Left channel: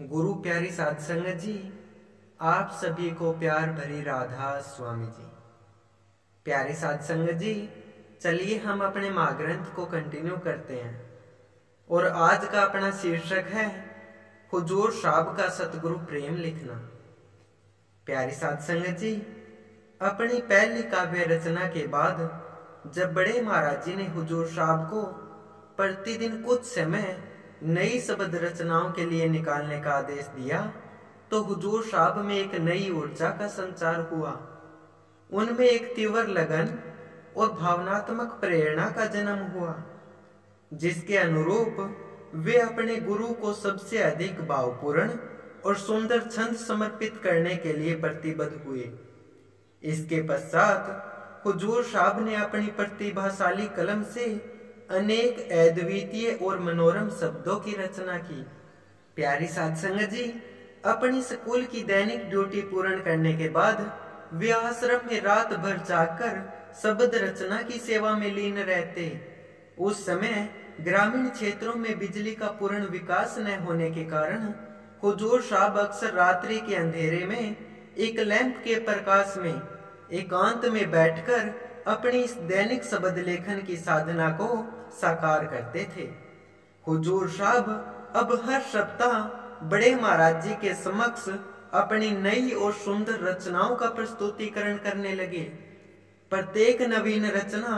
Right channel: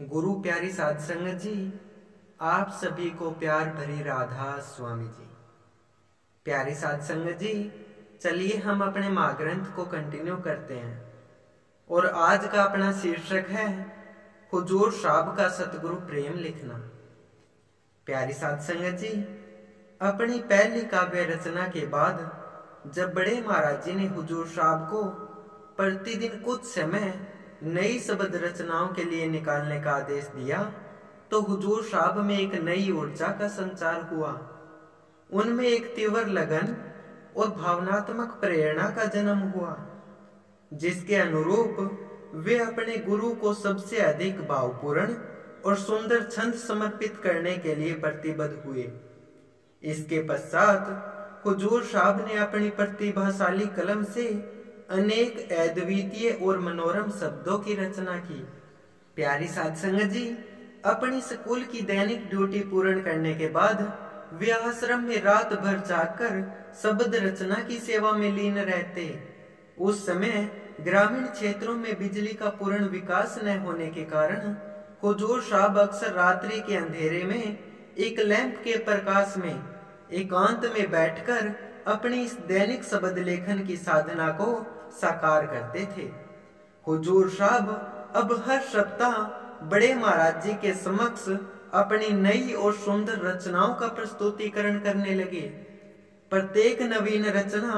गुरु प्यारी साध संगत जी, आप सभी को प्यार भरी राधा स्वामी जी। प्यारी साध संगत जी, चलिए हम अपने महाग्रंथ को कंटिन्यू करते हैं और आज का अपना शीर्षक है हुजूर साहब का सतगुरु प्रेम लिखना। प्यारी साध संगत जी, अपनी पहली काव्य रचना के बाद जब बड़े महाराज जी ने हुजूर साहब को प्रतिदिन कुछ समय नई शब्द रचनाओं के लिए निकालने का आदेश दिया तो हुजूर साहब में एक नई ऊर्जा का संचार हुआ। उनमें एक तीव्र लगन और भावनात्मक प्रेरणा का जन्म हुआ, जिसके अनुरूप वे अपने गुरु को सबसे अधिक भावपूर्ण और सुंदर छंद समर्पित करने के लिए प्रतिबद्ध हुए। इसके पश्चात हुजूर साहब ने अपनी प्रतिभाशाली कलम से अनेक अद्वितीय और मनोरम शब्दों की रचना की। प्यारी साध संगत जी, अपनी स्कूल की दैनिक ड्यूटी पूर्ण करने के बाद वे आश्रम में रात भर जागकर शब्द रचना की सेवा में लीन रहते। उस समय ग्रामीण क्षेत्रों में बिजली का पूर्ण विकास न होने के कारण हुजूर साहब अक्सर रात्रि के अंधेरे में एक लैंप के प्रकाश में एकांत में बैठकर अपनी इस दैनिक शब्द लेखन की साधना को साकार करते थे। हुजूर साहब अब हर सप्ताह बड़े महाराज जी के समक्ष अपनी नई और सुंदर रचनाओं का प्रस्तुतिकरण करने लगे। प्रत्येक नवीन रचना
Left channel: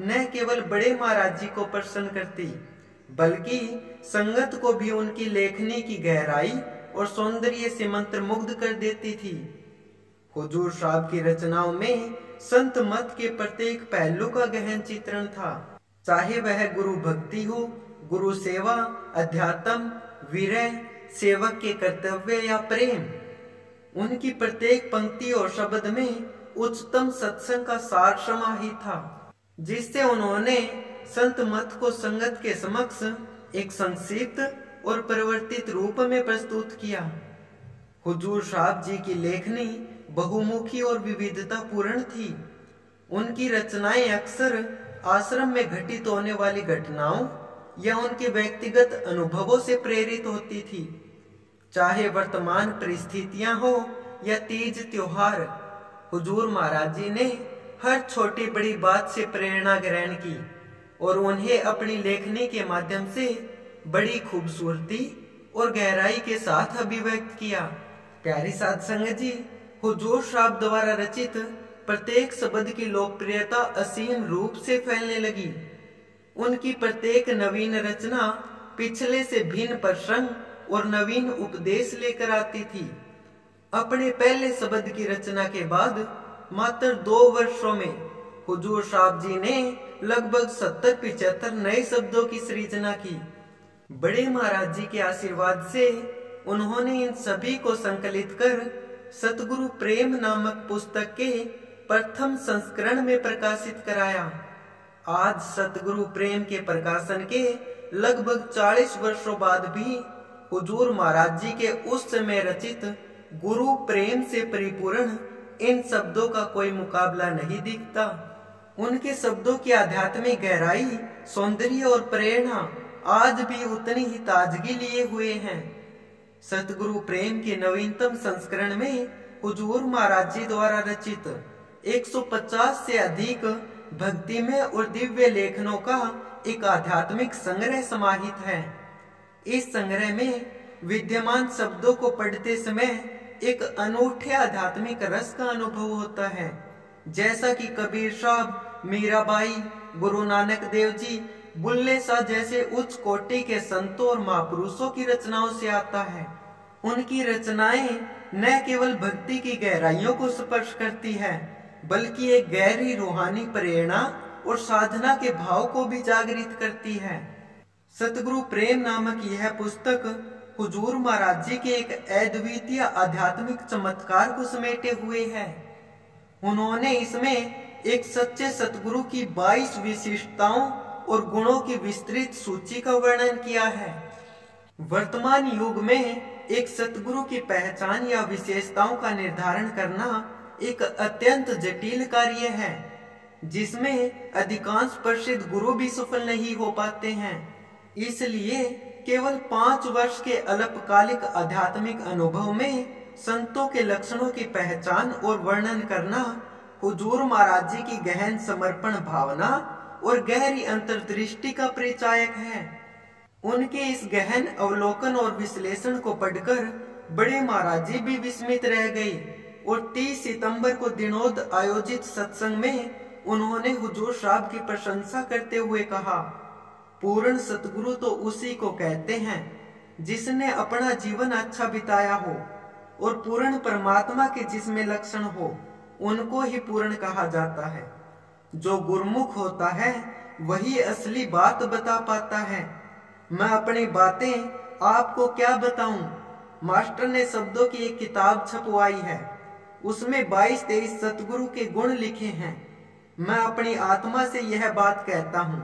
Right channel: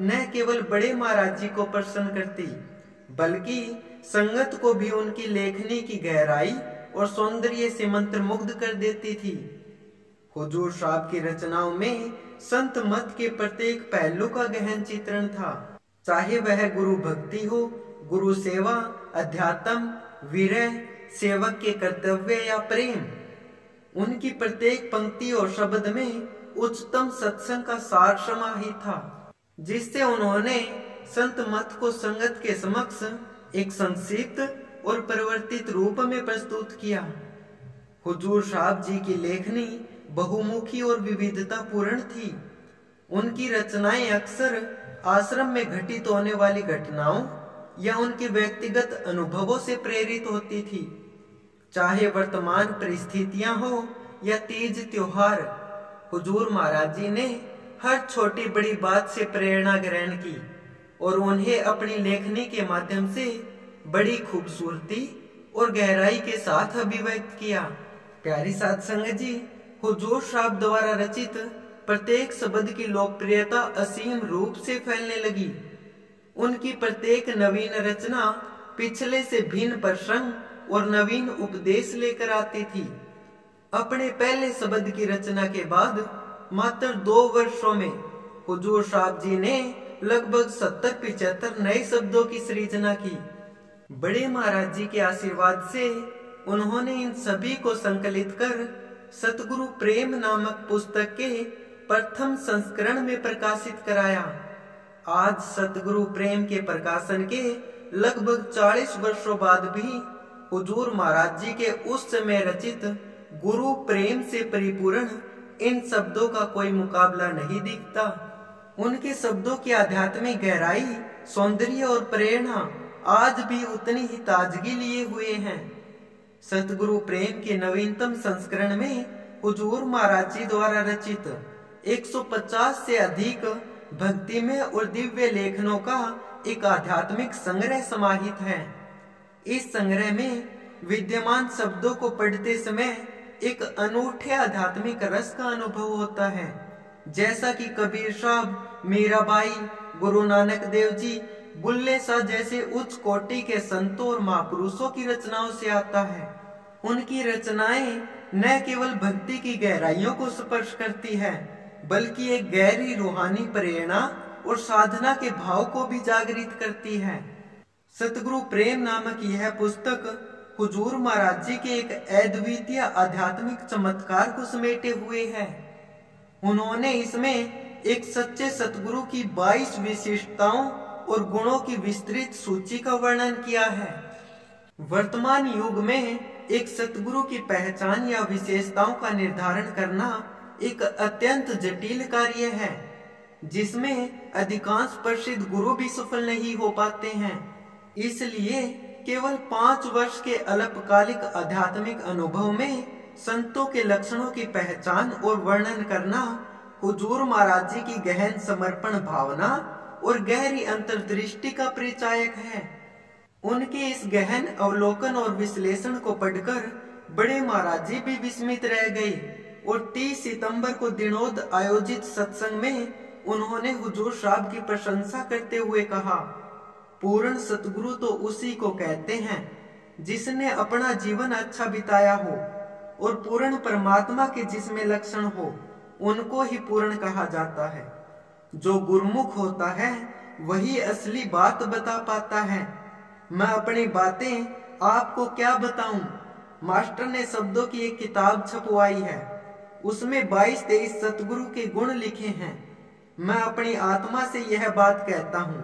न केवल बड़े महाराज जी को प्रसन्न करती, बल्कि संगत को भी उनकी लेखनी की गहराई और सौंदर्य से मंत्रमुग्ध कर देती थी। हुजूर साहब की रचनाओं में संत मत के प्रत्येक पहलू का गहन चित्रण था, चाहे वह गुरु भक्ति हो, गुरु सेवा, अध्यात्म, विरह, सेवक के कर्तव्य या प्रेम। उनकी प्रत्येक पंक्ति और शब्द में उच्चतम सत्संग का सार समाहित था, जिससे उन्होंने संत मत को संगत के समक्ष एक संक्षिप्त और परिवर्तित रूप में प्रस्तुत किया। हुजूर साहब जी की लेखनी बहुमुखी और विविधता पूर्ण थी। उनकी रचनाएं अक्सर आश्रम में घटित होने वाली घटनाओं या उनके व्यक्तिगत अनुभवों से प्रेरित होती थी। चाहे वर्तमान परिस्थितियां हो या तीज त्योहार, हुजूर महाराज जी ने हर छोटी बड़ी बात से प्रेरणा ग्रहण की और उन्हें अपनी लेखनी के माध्यम से बड़ी खूबसूरती और गहराई के साथ अभिव्यक्त किया। प्यारी साध संगत जी, हुजूर साहब द्वारा रचित प्रत्येक शब्द की लोकप्रियता असीम रूप से फैलने लगी। उनकी प्रत्येक नवीन रचना पिछले से भिन्न प्रसंग और नवीन उपदेश लेकर आती थी। अपने पहले शब्द की रचना के बाद मात्र 2 वर्षों में हुजूर साहब जी ने लगभग 70-75 नए शब्दों की सृजना की। बड़े महाराज जी के आशीर्वाद से उन्होंने इन सभी को संकलित कर सतगुरु प्रेम नामक पुस्तक के प्रथम संस्करण में प्रकाशित कराया। आज सतगुरु प्रेम के प्रकाशन के लगभग 40 वर्षों बाद भी हुजूर महाराज जी के उस समय रचित गुरु प्रेम से परिपूर्ण इन शब्दों का कोई मुकाबला नहीं दिखता। उनके शब्दों की आध्यात्मिक गहराई, सौंदर्य और प्रेरणा आज भी उतनी ही ताजगी लिए हुए हैं। सतगुरु प्रेम के नवीनतम संस्करण में हुजूर महाराज जी द्वारा रचित 150 से अधिक भक्तिमय और दिव्य लेखनों का एक आध्यात्मिक संग्रह समाहित है। इस संग्रह में विद्यमान शब्दों को पढ़ते समय एक अनूठे आध्यात्मिक रस का अनुभव होता है, जैसा कि कबीर साहब, मीराबाई, गुरु नानक देव जी, बुल्ले शाह जैसे उच्च कोटि के संतों और महापुरुषों की रचनाओं से आता है। उनकी रचनाएं न केवल भक्ति की गहराइयों को स्पर्श करती है, बल्कि एक गहरी रूहानी प्रेरणा और साधना के भाव को भी जागृत करती है। सतगुरु प्रेम नामक यह पुस्तक हुजूर महाराज जी के एक अद्वितीय आध्यात्मिक चमत्कार को समेटे हुए है। उन्होंने इसमें एक सच्चे सतगुरु की 22 विशिष्टताओं और गुणों की विस्तृत सूची का वर्णन किया है। वर्तमान युग में एक सतगुरु की पहचान या विशेषताओं का निर्धारण करना एक अत्यंत जटिल कार्य है, जिसमें अधिकांश प्रसिद्ध गुरु भी सफल नहीं हो पाते हैं। इसलिए केवल 5 वर्ष के अल्पकालिक आध्यात्मिक अनुभव में संतों के लक्षणों की पहचान और वर्णन करना हुजूर महाराज जी की गहन समर्पण भावना और गहरी अंतर्दृष्टि का परिचायक है। उनके इस गहन अवलोकन और विश्लेषण को पढ़कर बड़े महाराज जी भी विस्मित रह गए और 30 सितंबर को दिनोद आयोजित सत्संग में उन्होंने हुजूर साहब की प्रशंसा करते हुए कहा, पूर्ण सतगुरु तो उसी को कहते हैं जिसने अपना जीवन अच्छा बिताया हो, और पूर्ण परमात्मा के जिसमें लक्षण हो उनको ही पूर्ण कहा जाता है। जो गुरमुख होता है वही असली बात बता पाता है। मैं अपनी बातें आपको क्या बताऊं। मास्टर ने शब्दों की एक किताब छपवाई है, उसमें 22-23 सतगुरु के गुण लिखे हैं। मैं अपनी आत्मा से यह बात कहता हूँ,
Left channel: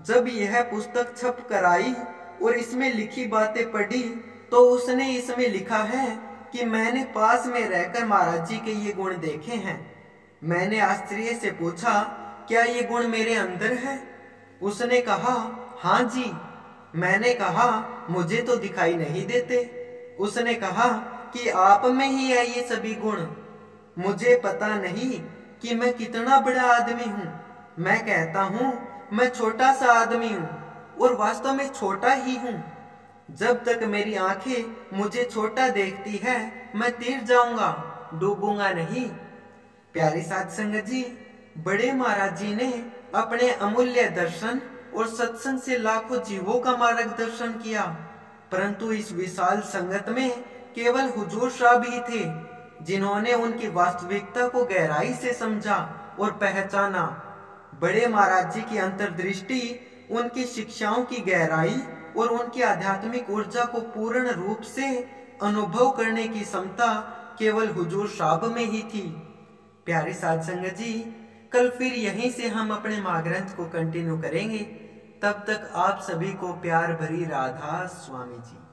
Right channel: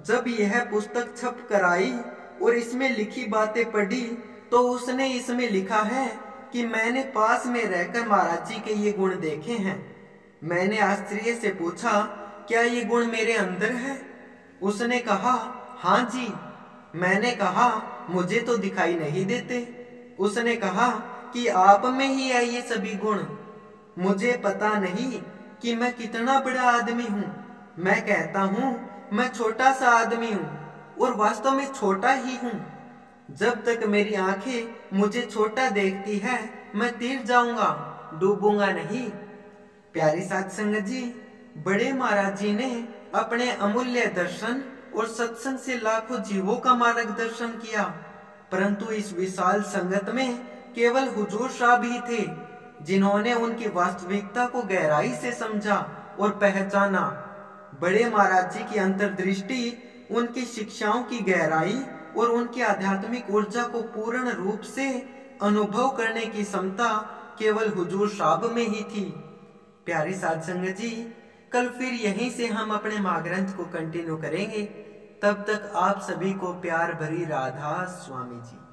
जब यह पुस्तक छप कर आई और इसमें लिखी बातें पढ़ी तो उसने इसमें लिखा है कि मैंने पास में रहकर महाराज जी के ये गुण देखे हैं। मैंने आश्चर्य से पूछा, क्या ये गुण मेरे अंदर है? उसने कहा, हाँ जी। मैंने कहा, मुझे तो दिखाई नहीं देते। उसने कहा कि आप में ही है ये सभी गुण। मुझे पता नहीं कि मैं कितना बड़ा आदमी हूँ। मैं कहता हूँ मैं छोटा सा आदमी हूँ और वास्तव में छोटा ही हूँ। जब तक मेरी आंखें मुझे छोटा देखती है मैं तीर जाऊंगा, डूबूंगा नहीं। प्यारी साध संगत जी, बड़े महाराज जी ने अपने अमूल्य दर्शन और सत्संग से लाखों जीवों का मार्गदर्शन किया, परंतु इस विशाल संगत में केवल हुजूर साहब ही थे जिन्होंने उनकी वास्तविकता को गहराई से समझा और पहचाना। बड़े महाराज जी की अंतर्दृष्टि, उनकी शिक्षाओं की गहराई और उनकी आध्यात्मिक ऊर्जा को पूर्ण रूप से अनुभव करने की क्षमता केवल हुजूर साहब में ही थी। प्यारी साध संगत जी, कल फिर यहीं से हम अपने महाग्रंथ को कंटिन्यू करेंगे। तब तक आप सभी को प्यार भरी राधा स्वामी जी।